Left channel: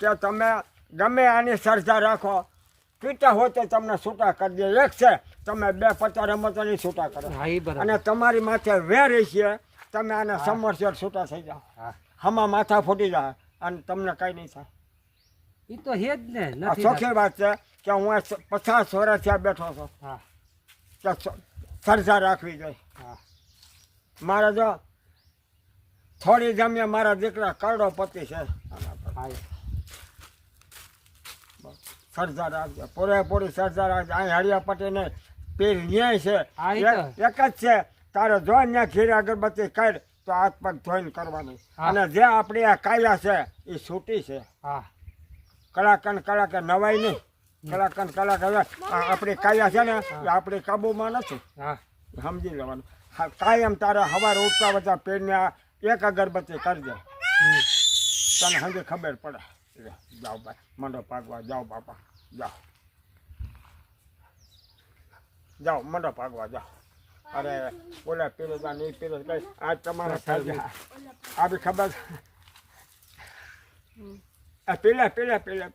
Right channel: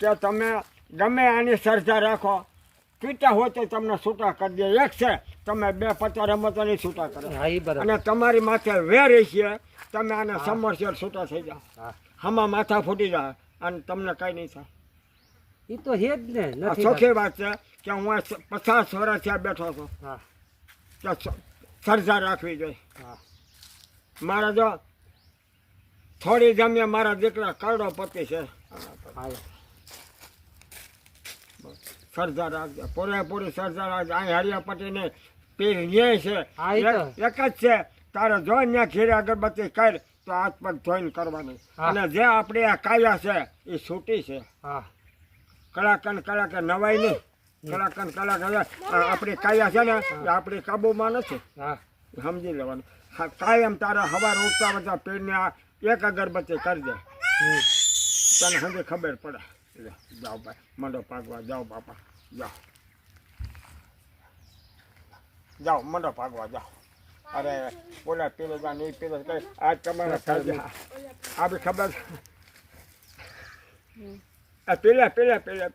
કે તમે ગમે આની શ્રદ્ધા રાખો પીતા હોય તો તમને છૂટા કરી દે. એક છે તમે 2-50 રમતો નહીં છૂટા કરો અને તમારી માથે વેર છે તમે આને સમરસર છૂટા થઈ જાઓ. હમણાં માથા ફૂટી જાય અને તમને કઈ નહીં થાય. એ તો હે જ ને. ચોખ્ખી વાત છે કે હું 50 વર્ષ ત્યાં બેઠો છું કે શ્રદ્ધા રાખવી જોઈએ. મારા જો થોડી જમીએ મારા દીકરા કરોડોપતિ છે. શ્રદ્ધા રાખજો, પૂરેપૂરી શ્રદ્ધા રાખજો. અહીં હરિયા પટેલને પીર ન્યાય છે એક જ છે. તારે જો ત્યાં ઘીરે અગરબત્તી કર તો હાથ પગ ધોઈને કરવાની. અને જે આપણી આ કાયા છે એ છૂટી છે. કલાકન નવાઈ નહીં. કલાકન આપણી કાયા છે ને એ આપણી કાબુમાં નથી. સમજી લેવાનું. કાયમ તારા હવાર ઉઠતા બધા પીરને એક અગરબત્તી કરી દે તને સમજી ખબર પડે. જાઓ ભાઈ મંડો ભાગવા જાઓ. બાપા જાઓ જાઓ મંડો ભાગવા જાઓ. અરે બોલા પીરજા નહીં પીરો કઈ આજ તમારે આપણી ખબર પેલા